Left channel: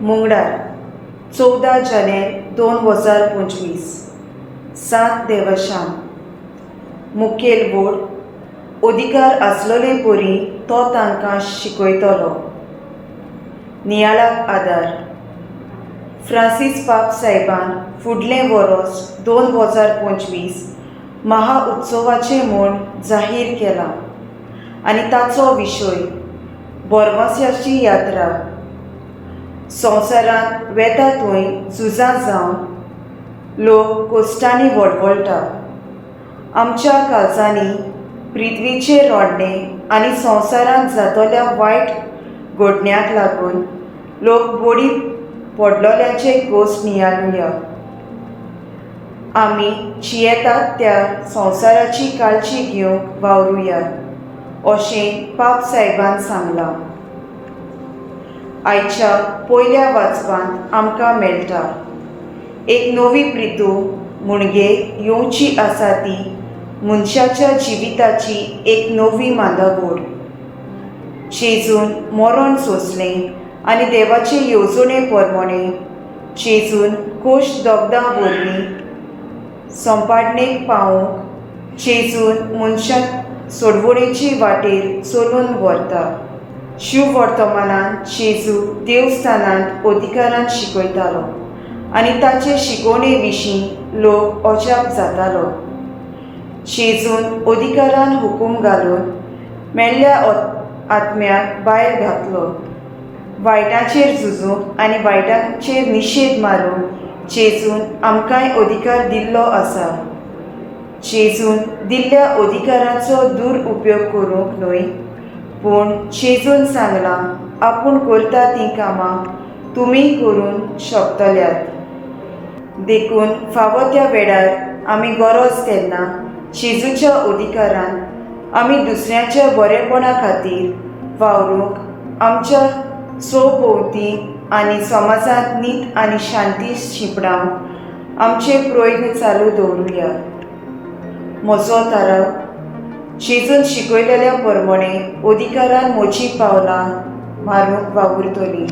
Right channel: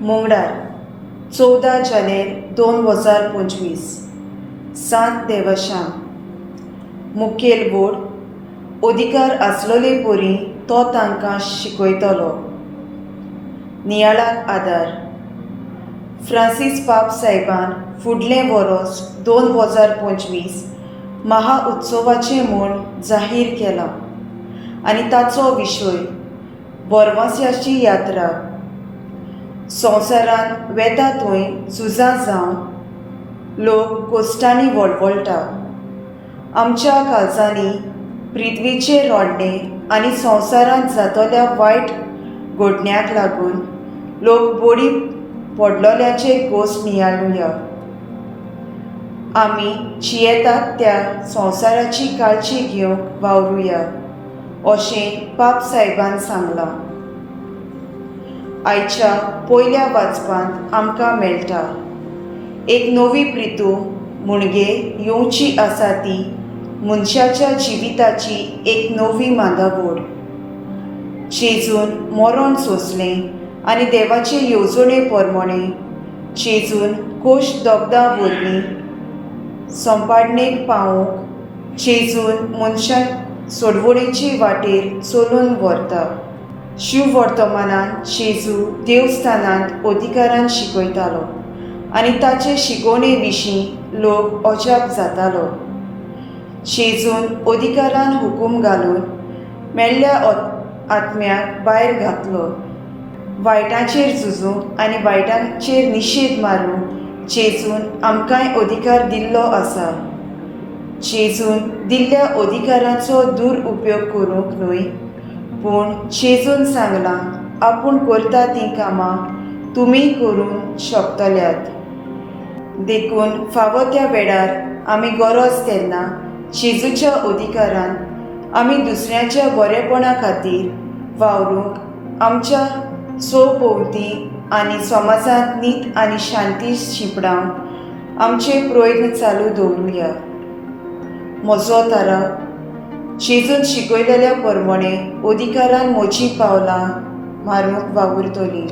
मुंगडार 14 जानेर 2025 सात देवशान मुखेल बोर्ड अधिकार आसलोले पोरी तो तांकां शिकयतलो. नियाळाक आदार फ्रांसीस पाप साहेबान फुडलें वरोस 2025 महाउत्सवाचें म्हूण जाहीर केलां आनी ताचो विशय बोरमांस्याची यात्रा. संवसारांत वेता थंय झुजां जावन लोक कोश्टांनी वळवळटा. आमच्या काळजांनी पृथ्वीचेर रोडणें आनी संवसारांत जातल्या वायट घडण्याक लागून लोक बळी पडलोल्याचे गोश्ट नियाळुया. आमी जियेतात त्या संवसाराची काळजी घेवंक वावरुया अशें पाप साहेबान सांगलां. आयच्या पयल्या वाचपांत आमकां मेळटा एक नवी प्रितू मुणगे येवची आसा ती मनशाच्या जिविताची एक नवी मांदावळ. जेजून मरण सोंसलें आनी देवाचे येवजणे प्रमाणे जेजून कोश्ट दोगदा वरवीं संपाडणेक पावोवंक जेजून मनशाक सोडवणेचे वाटेर चलून व्हरता. शिव वर्तमानांत जेजू देवस्थानांत अधिकारान शिकयतालो आनी ताचे शिकवणे विशीं लोक अजाप जातालो. जेजून अधिकारान हुकूम घालून मेल्ल्या आत्म्याक भायर घातलो. वायटाचेर झुजूंक आनी वायटाचेर निशेध मारूंक जेजून आमकांय अधिकार दिल्लो आसा. जेजून दिल्ल्या अधिकाराचो दुरुपयोग करूंक न्हय, पूण जेजून सांगलां आपूण करता तीं कामां तुमीय करूंक शकतल्यात. देखून फावो त्या वेळार आमी गरज तेन्ना जेजूच्या अधिकारान आमी दुसऱ्याच्या बरेपणा खातीर वावरूंक आमच्या सोभोवती आनी समाजांत नीत आनी शांती शिंपडावंक आमचे प्रयत्न चालू दवरुया. म्हजो थाराव जेजून शिकयलेल्या प्रमाणे अधिकारान म्हजीं पावलां मारूंक वावुरतलीं.